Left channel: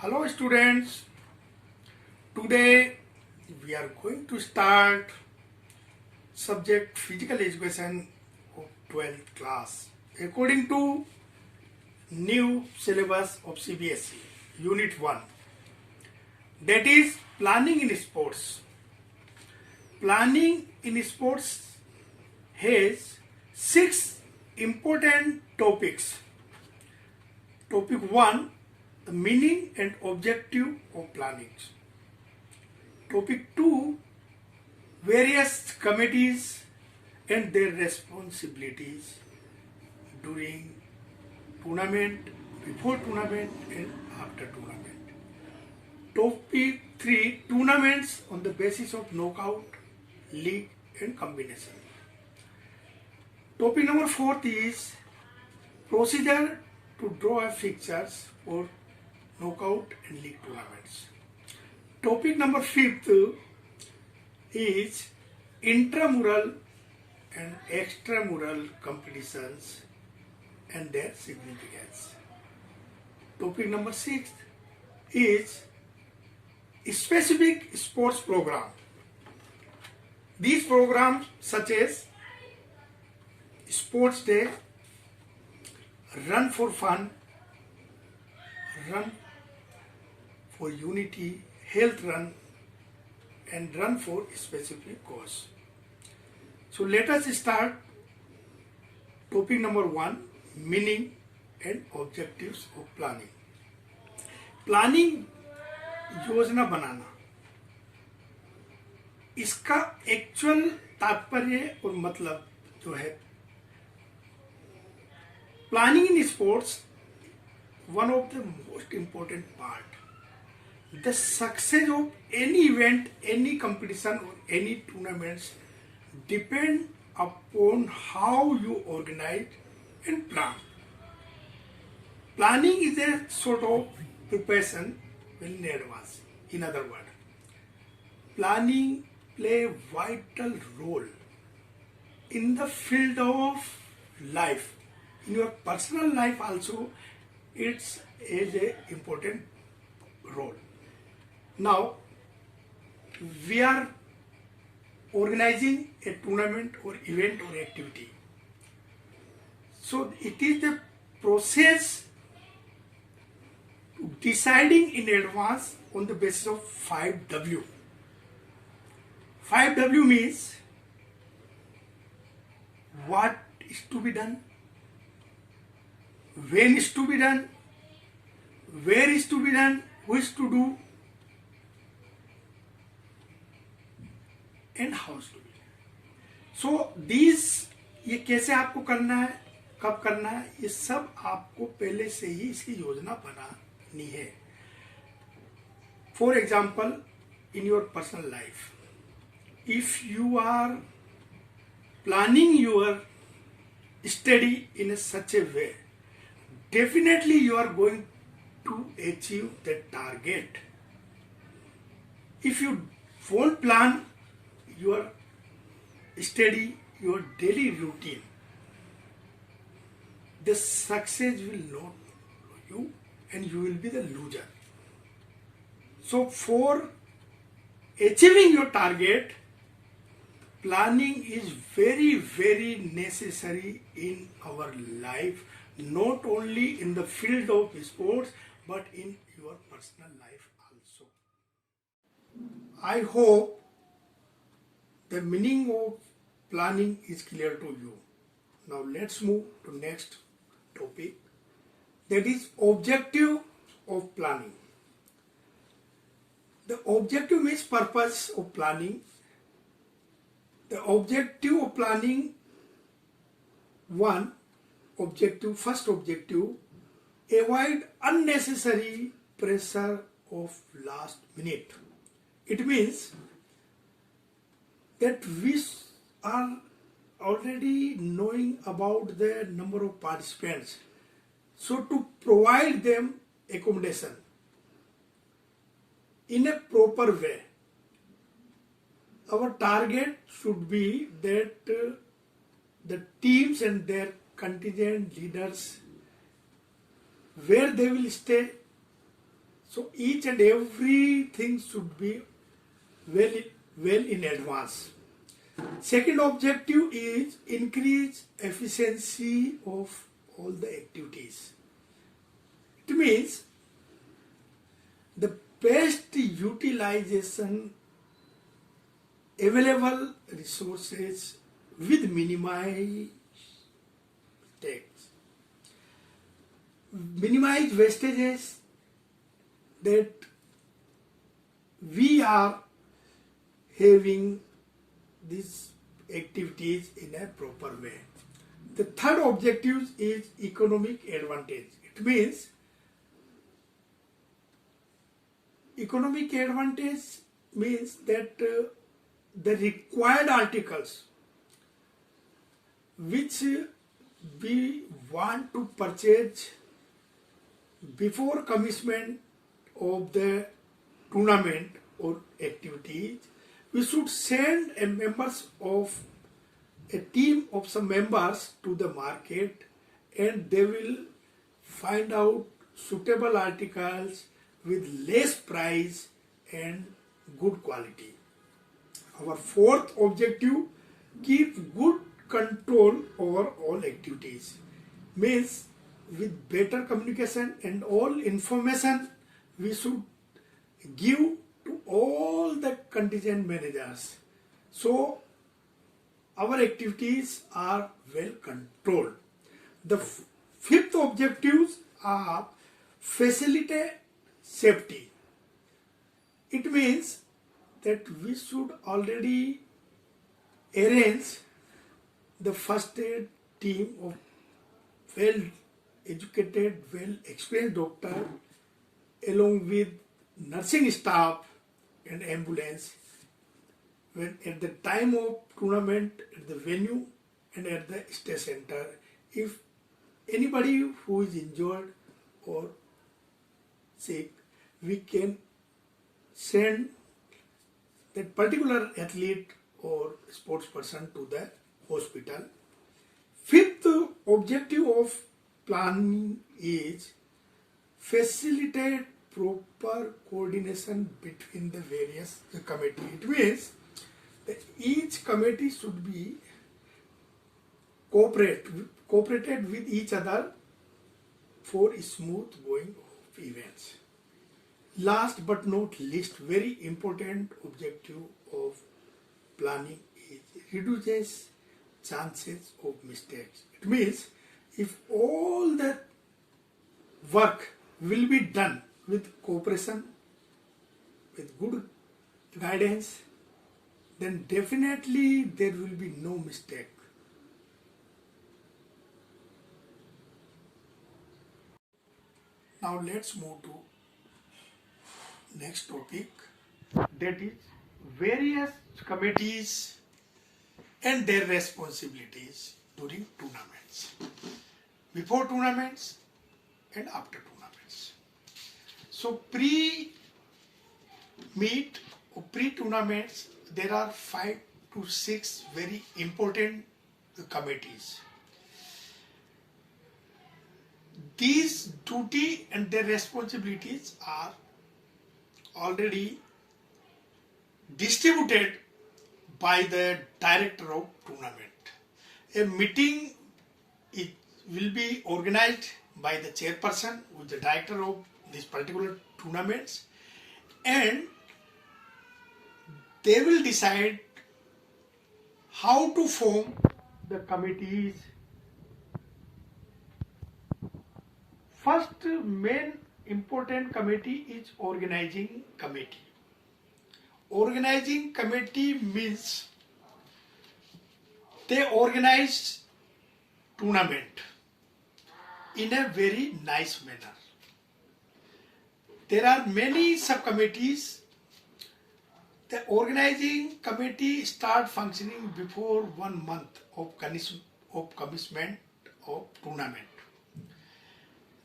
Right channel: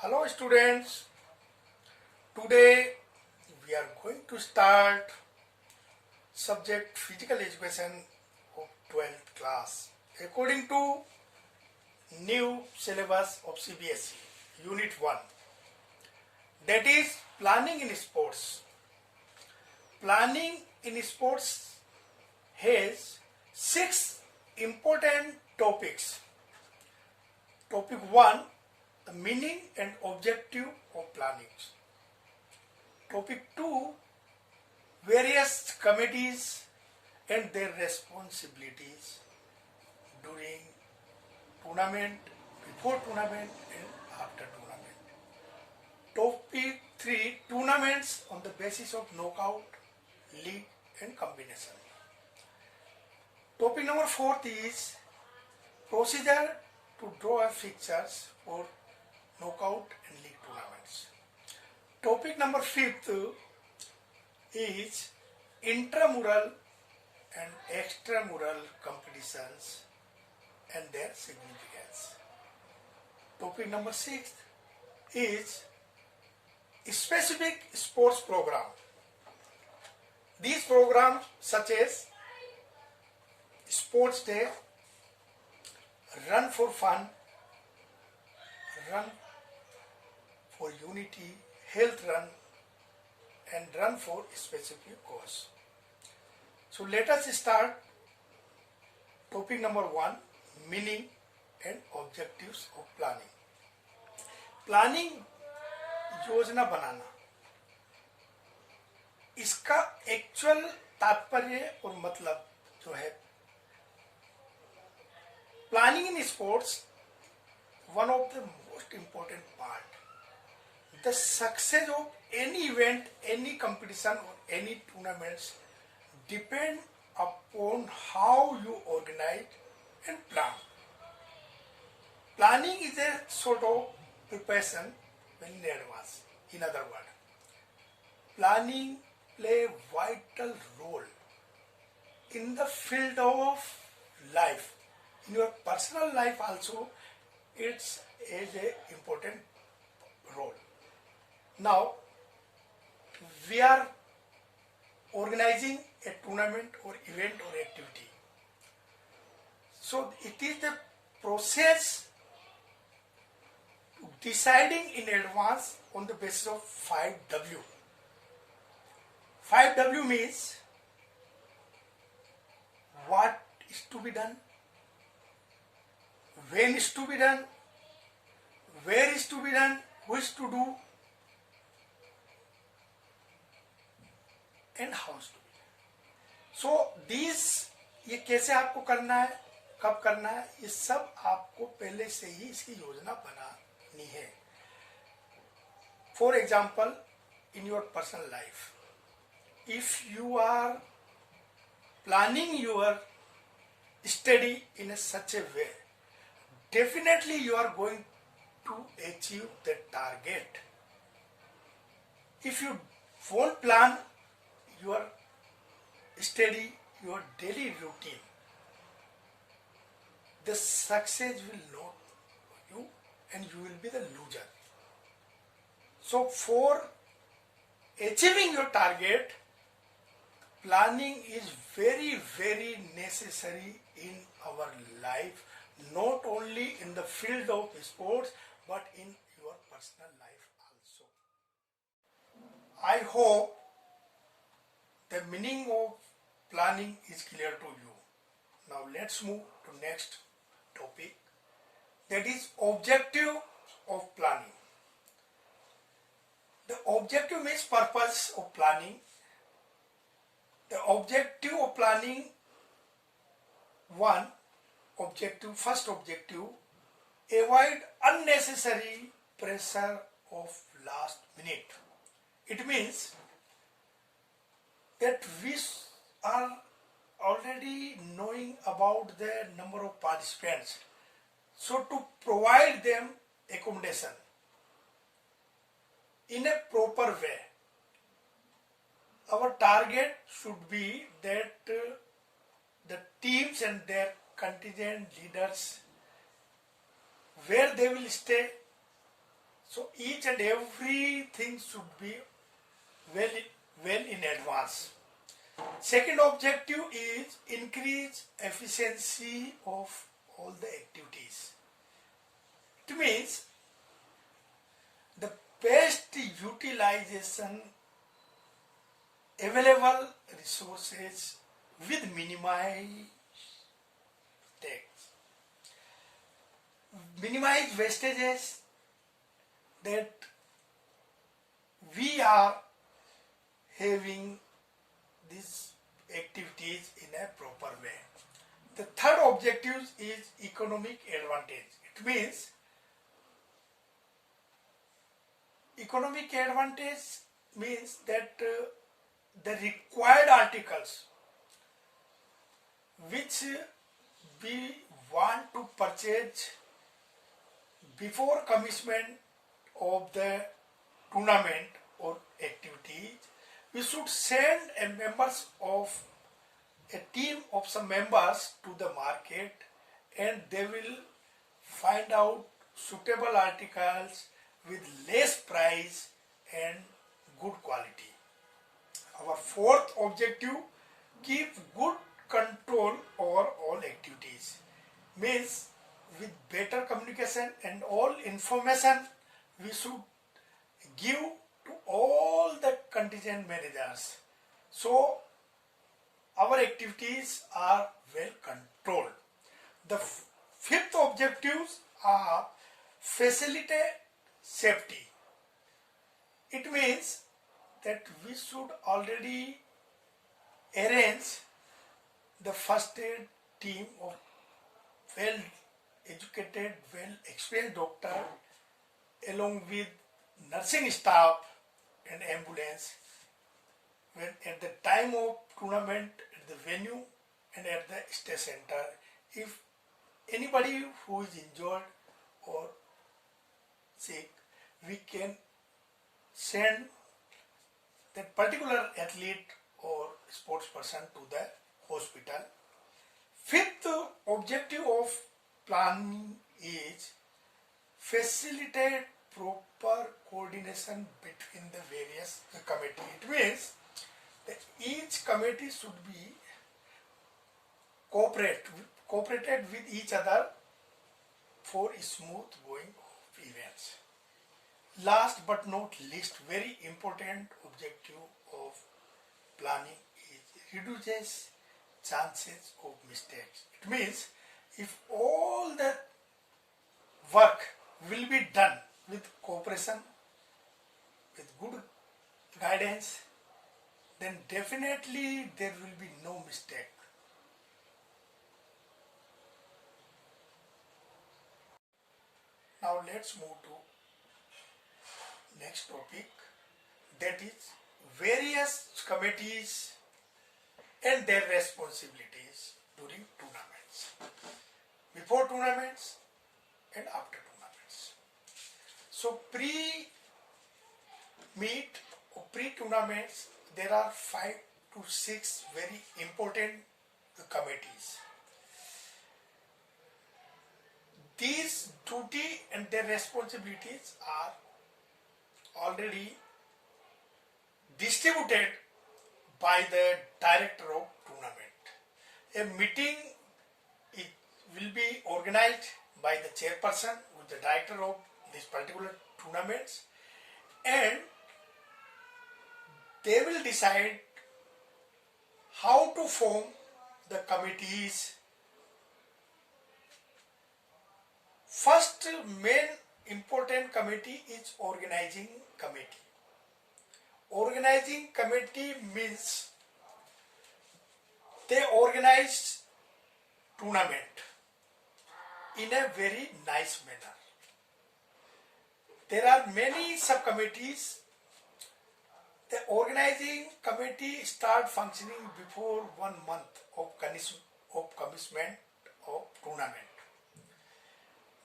Hello students, today we are going to start subject physical education of 12th class according to new syllabus of CBSE unit 1, that is planning in sports. Planning in sports has 6 important topics. Topic 1, the meaning and objective of planning. Topic 2, various committees and their responsibilities during tournament, before tournament and after tournament. Topic 3, tournaments on the basis of knockout, league and combination. Topic number 4 is procedure to draw fixtures for knockout and league tournaments. Topic number 5 is intramural and extramural competitions and their significance. Topic number 6 is specific sports program. These programs such as Sports Day, Run for Fun, Run for Unity, Health Run and Run for Specific Cause. So let us start topic number 1, meaning and objectives of planning. Planning योजना बनाना, इसका actual तात्पर्य और मतलब जो है, planning in sports, one of the most important part. The success of any event, any competition or any tournaments depend upon how you organize and plan. Planning is a sort of preparation well in advance. In other words, planning play a vital role in the field of life. In your personal life also, it's a important role. Now, we are organizing a tournament or event or activity. So, it is the process to deciding in advance on the basis of 5W. 5W means what is to be done, when is to be done, where is to be done, who is to do, and how is to be done. So these, ये कैसे आपको करना है, कब करना है, ये सब आपको पहले से ही इसकी योजना बनानी है. For example, in your personal life, if you are planning your study in such a way, definitely you are going to achieve the target. If you won't plan your study, your daily routine, the success will not you and you will be the loser. So for achieving your target, planning is very, very necessary in our life, not only in the field of sports, but in your personal life also. I hope the meaning of planning is clear to you. Now let's move to next topic, that is objective of planning. The objective means purpose of planning. The objective of planning, first objective, avoid unnecessary pressure of last minute. It means that we are already knowing about the number of participants. So to provide them accommodation in a proper way, our target should be that the teams and their contingent leaders, where they will stay, So each and everything should be well in advance. Second objective is increase efficiency of all the activities. It means the best utilization available resources with minimized mistakes. Minimize wastages, that we are having these activities in a proper way. The third objective is economic advantage. It means economic advantage means that the required articles which we want to purchase before commencement of the tournament or activities, we should send a members of a team of some members to the market, and they will find out suitable articles with less price and good quality. Our fourth objective, keep good control over all activities. Means with better communication and all information we should give to all the contingent managers. So our activities are well controlled. The fifth objectives are facilitate safety. It means that we should already arrange the first aid team of well educated, well experienced doctor along with nursing staff and ambulance when at the time of tournament at the venue and at the stay center. If anybody who is injured or sick, we can send that particular athlete or sports person to the hospital. Fifth objective of planning is facilitate proper coordination between the various committees. It means that each committee should be cooperated with each other for smooth going of events. Last but not least, very important objective of planning is reduces chances of mistakes. It means if all the work will be done with cooperation, with good guidance, then definitely there will be no mistake. Now let's move to next topic, that is various committees and their responsibilities during tournaments, before tournaments and after tournaments. So pre-meet or pre-tournaments, there are 5 to 6 very important committees. These duty and their responsibilities are already distributed by the director of tournament. A meeting will be organized by the chairperson who is the director of this particular tournaments, and they will decide how to form the committees. First main important committee is organizing committee. Organizing committee means they organize tournament in a very nice manner. There are many subcommittees. The organizing committee start functioning before 1 month of commencement of tournament.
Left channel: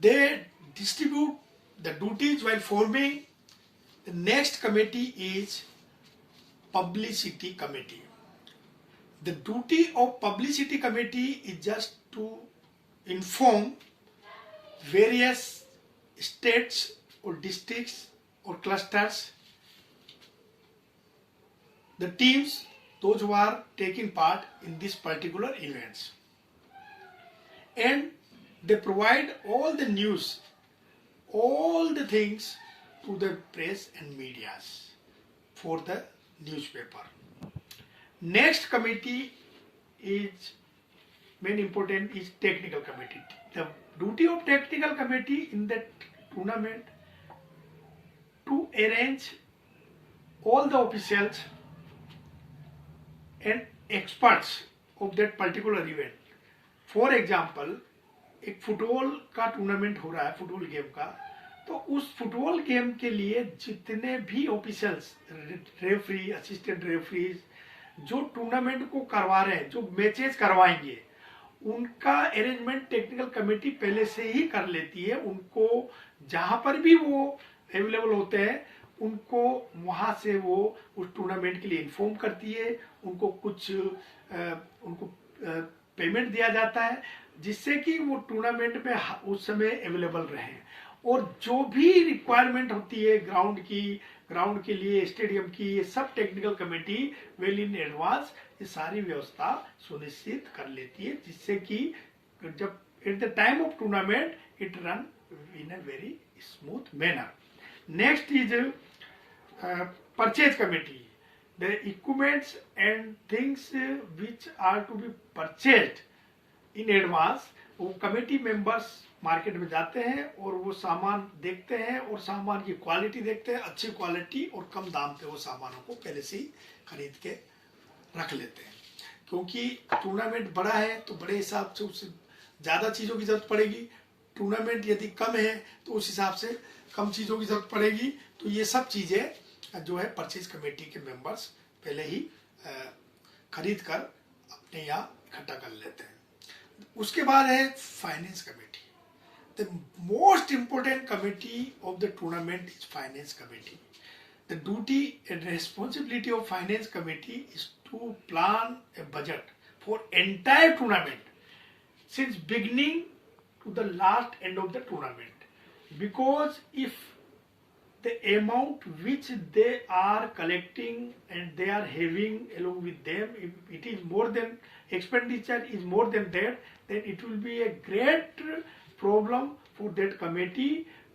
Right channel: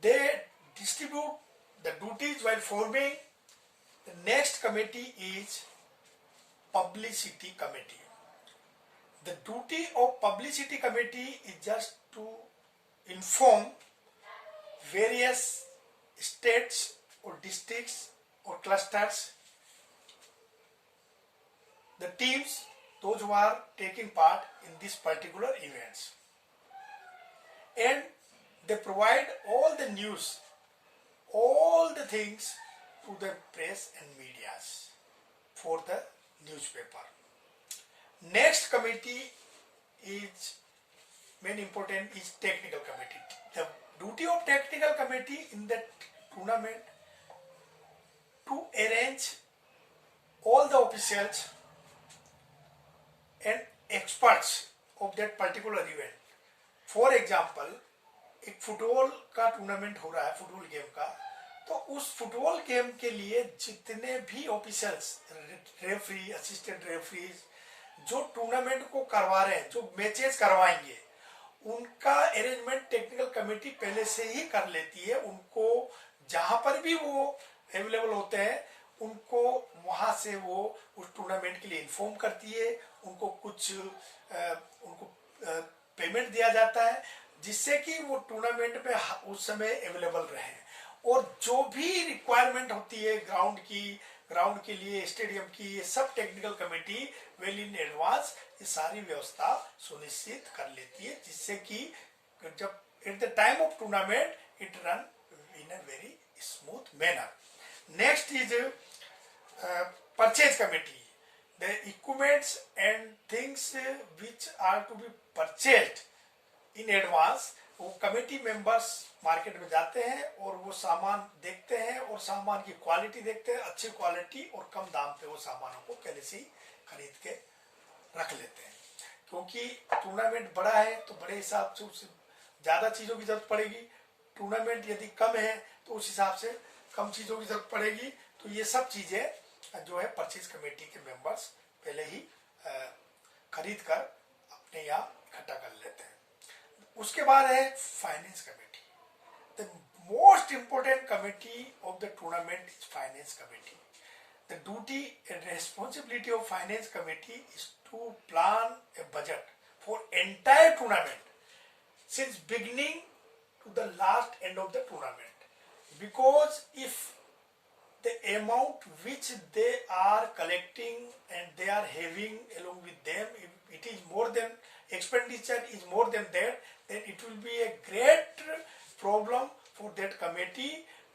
They distribute the duties while forming. The next committee is publicity committee. The duty of publicity committee is just to inform various states or districts or clusters, the teams, those who are taking part in these particular events. And they provide all the news, all the things to the press and medias for the newspaper. Next committee is main important is technical committee. The duty of technical committee in that tournament to arrange all the officials and experts of that particular event. For example एक football का tournament हो रहा है, football game का, तो उस football game के लिए जितने भी ऑफिसर्स, रेफरी, असिस्टेंट रेफरीज जो टूर्नामेंट को करवा रहे हैं, जो मैचेस करवाएंगे, उनका अरेंजमेंट टेक्निकल कमेटी पहले से ही कर लेती है. उनको जहां पर भी वो अवेलेबल होते हैं उनको वहां से वो उस टूर्नामेंट के लिए इन्फॉर्म करती है. उनको कुछ पेमेंट दिया जाता है जिससे कि वो टूर्नामेंट में उस समय अवेलेबल रहें. और जो भी रिक्वायरमेंट होती है ग्राउंड के लिए, स्टेडियम की, ये सब technical committee well in advance ये सारी व्यवस्था सुनिश्चित कर लेती है, जिससे कि जब at the time of tournament it run in a very smooth manner. Next is purchase committee. The equipments and things which are to be purchased in advance, वो कमेटी मेंबर्स मार्केट में जाते हैं और वो सामान देखते हैं और सामान की क्वालिटी देखते हैं. अच्छी क्वालिटी और कम दाम पे वो सामानों को पहले से ही खरीद के रख लेते हैं, क्योंकि टूर्नामेंट बड़ा है तो बड़े हिसाब से उससे ज़्यादा चीज़ों की जरूरत पड़ेगी. टूर्नामेंट यदि कम है तो उस हिसाब से कम चीज़ों की जरूरत पड़ेगी. तो ये सब चीज़ें जो है परचेज कमेटी के मेंबर्स पहले ही खरीद कर अपने यहाँ इकट्ठा कर लेते हैं. उसके बाद है finance committee. The most important committee of the tournament is finance committee. The duty and responsibility of finance committee is to plan a budget for entire tournament since beginning to the last end of the tournament, because if the amount which they are collecting and they are having along with them, if it is more than expenditure is more than that, then it will be a great problem for that committee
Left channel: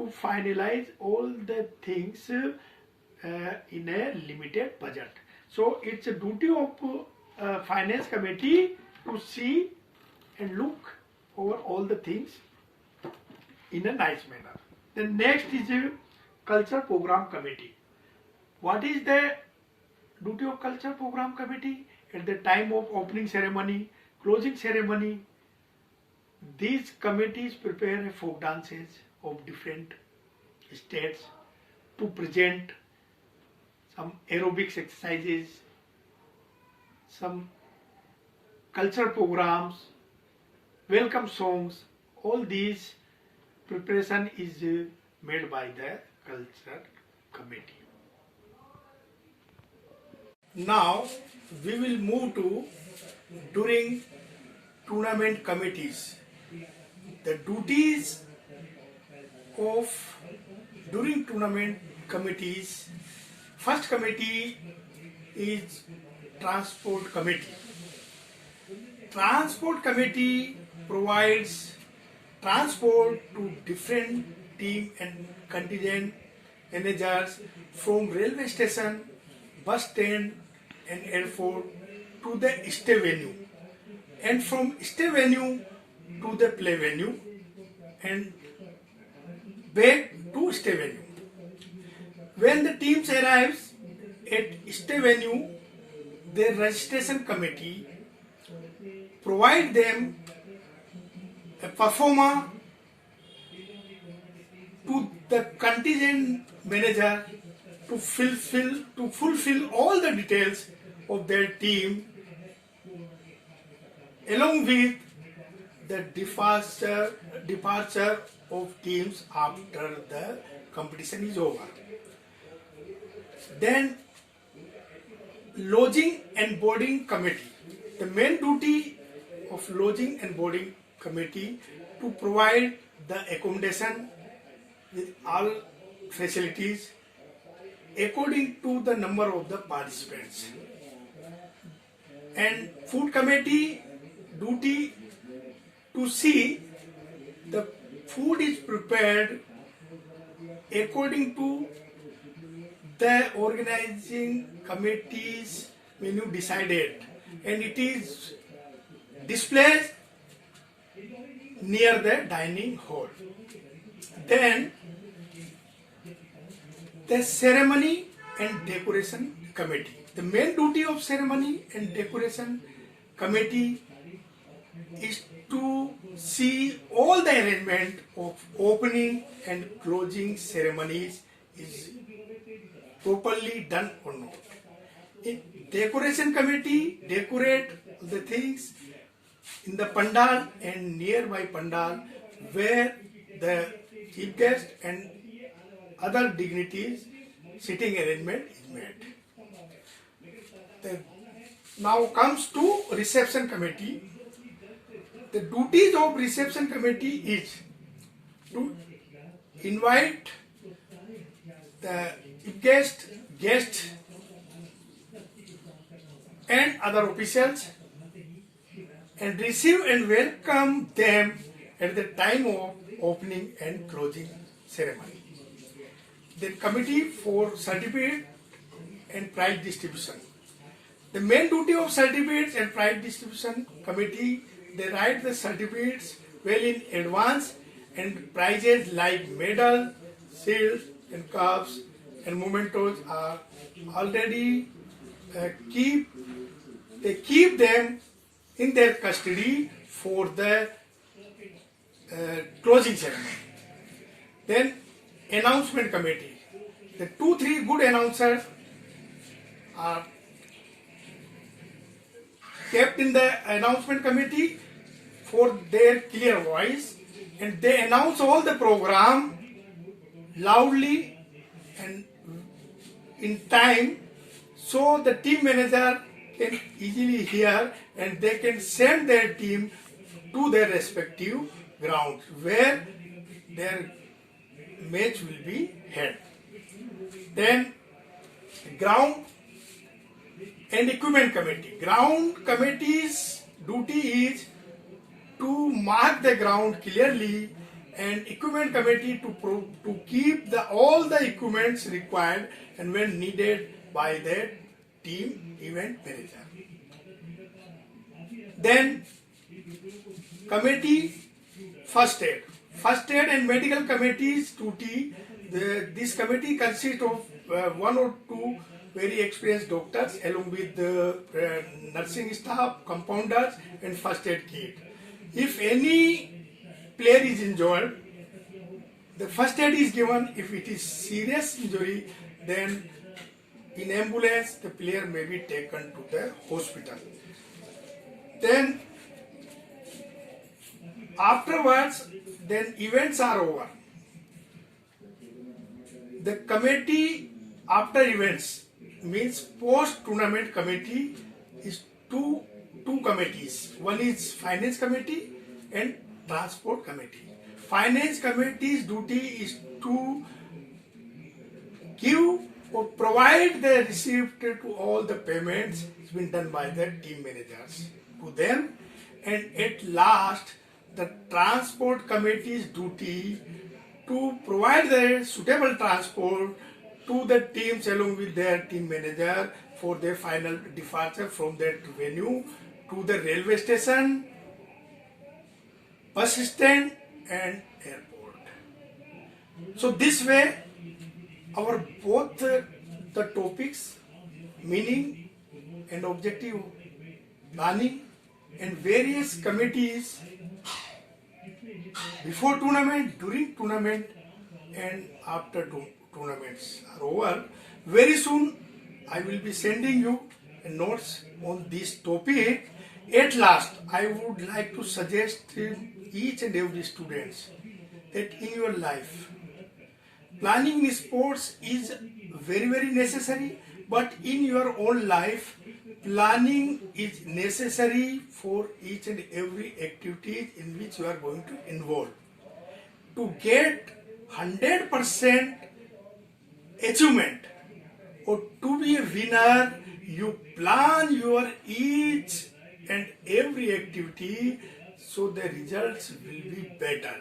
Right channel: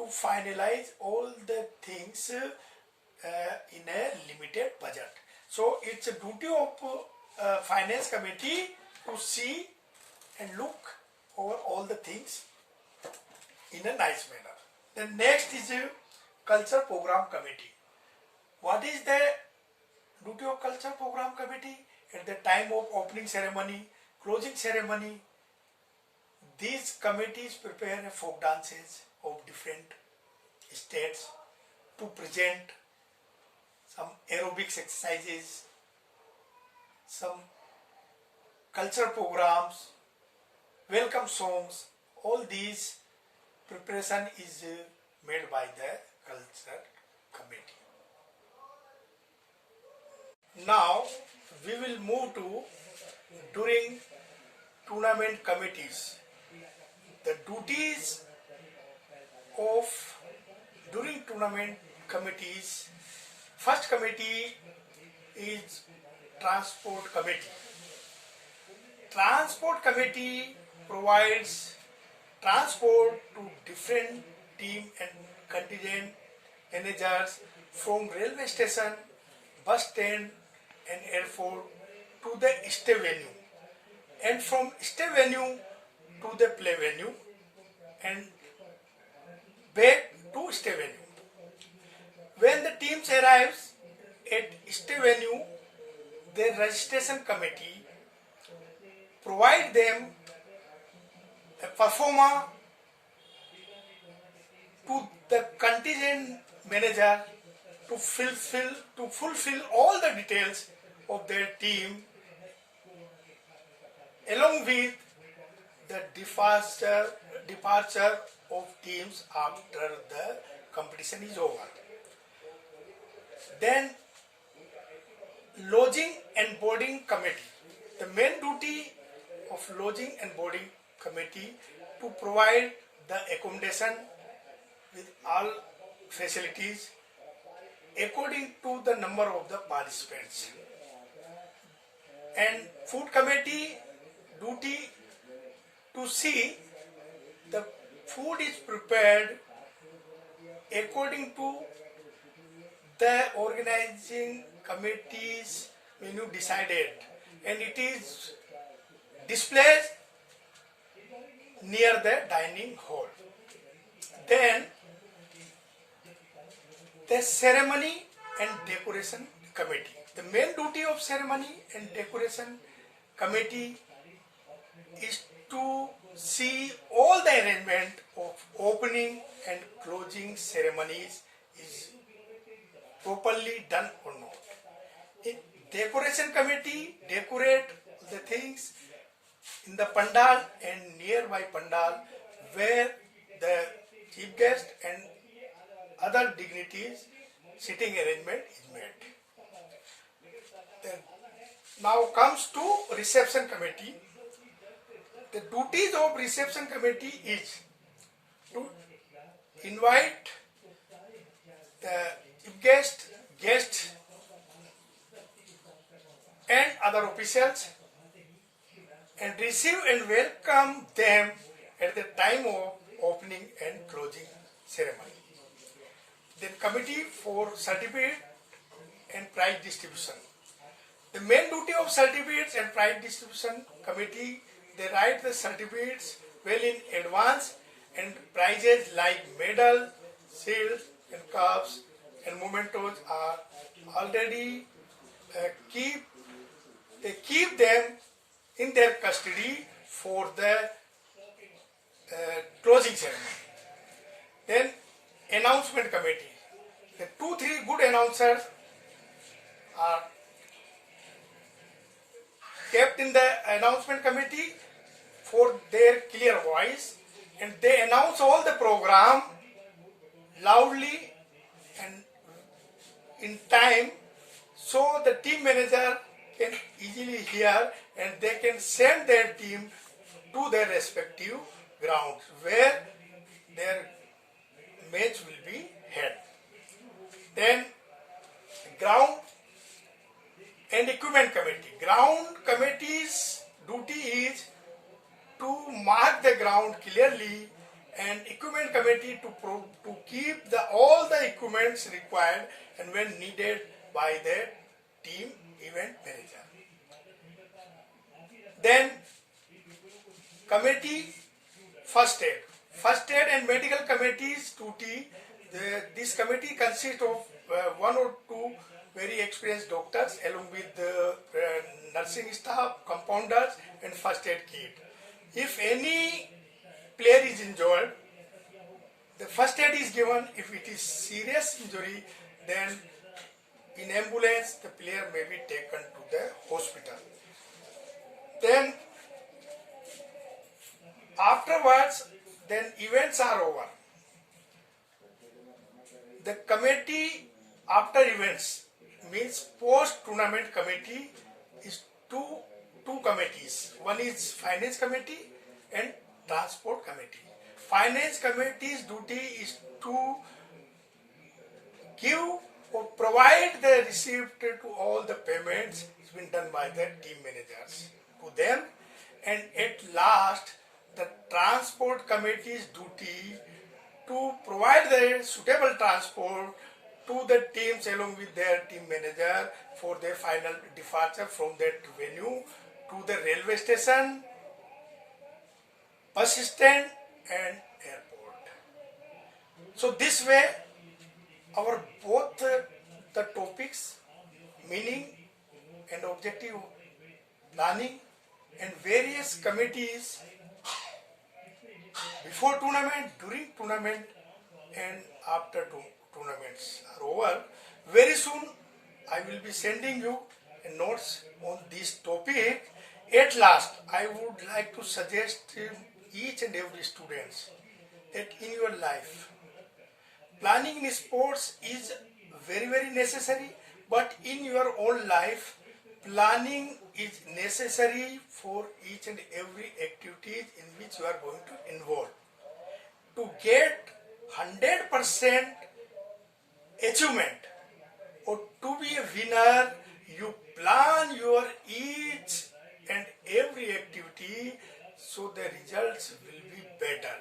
to finalize all the things in a limited budget. So it's a duty of finance committee to see and look over all the things in a nice manner. The next is culture program committee. What is the duty of culture program committee? At the time of opening ceremony, closing ceremony, these committees prepare folk dances of different states to present some aerobics exercises, some cultural programs, welcome songs. All these preparation is made by the culture committee. Now we will move to during tournament committees. The duties of during tournament committees. First committee is transport committee. Transport committee provides transport to different team and contingent managers from railway station, bus stand and airport to the stay venue, and from stay venue to the play venue and back to stay venue. When the teams arrives at stay venue, the registration committee provide them a performer to the contingent manager to fulfill all the details of their team, along with the departure of teams after the competition is over. Then lodging and boarding committee. The main duty of lodging and boarding committee to provide the accommodation with all facilities according to the number of the participants. And food committee duty to see the food is prepared according to the organizing committee's menu decided, and it is displayed near the dining hall. Then the ceremony and decoration committee. The main duty of ceremony and decoration committee is to see all the arrangement of opening and closing ceremonies is properly done or not. In decoration committee decorate the things in the pandal and nearby pandal where the chief guest and other dignitaries sitting arrangement is made. Now comes to reception committee. The duties of reception committee is to invite the chief guest and other officials and receive and welcome them at the time of opening and closing ceremony. The committee for certificate and prize distribution. The main duty of certificates and prize distribution committee, they write the certificates well in advance, and prizes like medal, shields and cups and mementos are already keep them in their custody for the closing ceremony. Then announcement committee. The 2-3 good announcers are kept in the announcement committee for their clear voice, and they announce all the program loudly and in time, so the team manager can easily hear and they can send their team to their respective grounds where their match will be held. Then ground and equipment committee. Ground committee's duty is to mark the ground clearly, and equipment committee to keep all the equipments required and when needed by the team event manager. Then committee first aid. First aid and medical committee's duty. This committee consists of 1 or 2 very experienced doctors along with the nursing staff, compounders and first aid kit. If any player is injured, the first aid is given. If it is serious injury, then in ambulance the player may be taken to the hospital. Then afterwards, then events are over. The committee after events means post-tournament committee is two committees. One is finance committee and transport committee. Finance committee's duty is to give or provide the receipt to all the payments it's been done by the team managers to them, and at last the transport committee's duty to provide the suitable transport to the teams along with their team manager for their final departure from that venue to the railway station, bus stand and airport. So this way our both the topics, meaning and objective planning and various committees before tournament, during tournament and after tournaments are over. Very soon I will be sending you notes on this topic. At last, I would like to suggest each and every student that in your life, planning in sports is very, very necessary, but in your own life, planning is necessary for each and every activity in which you are going to involve. To get 100% achievement or to be a winner, you plan your each and every activity so the results will be better.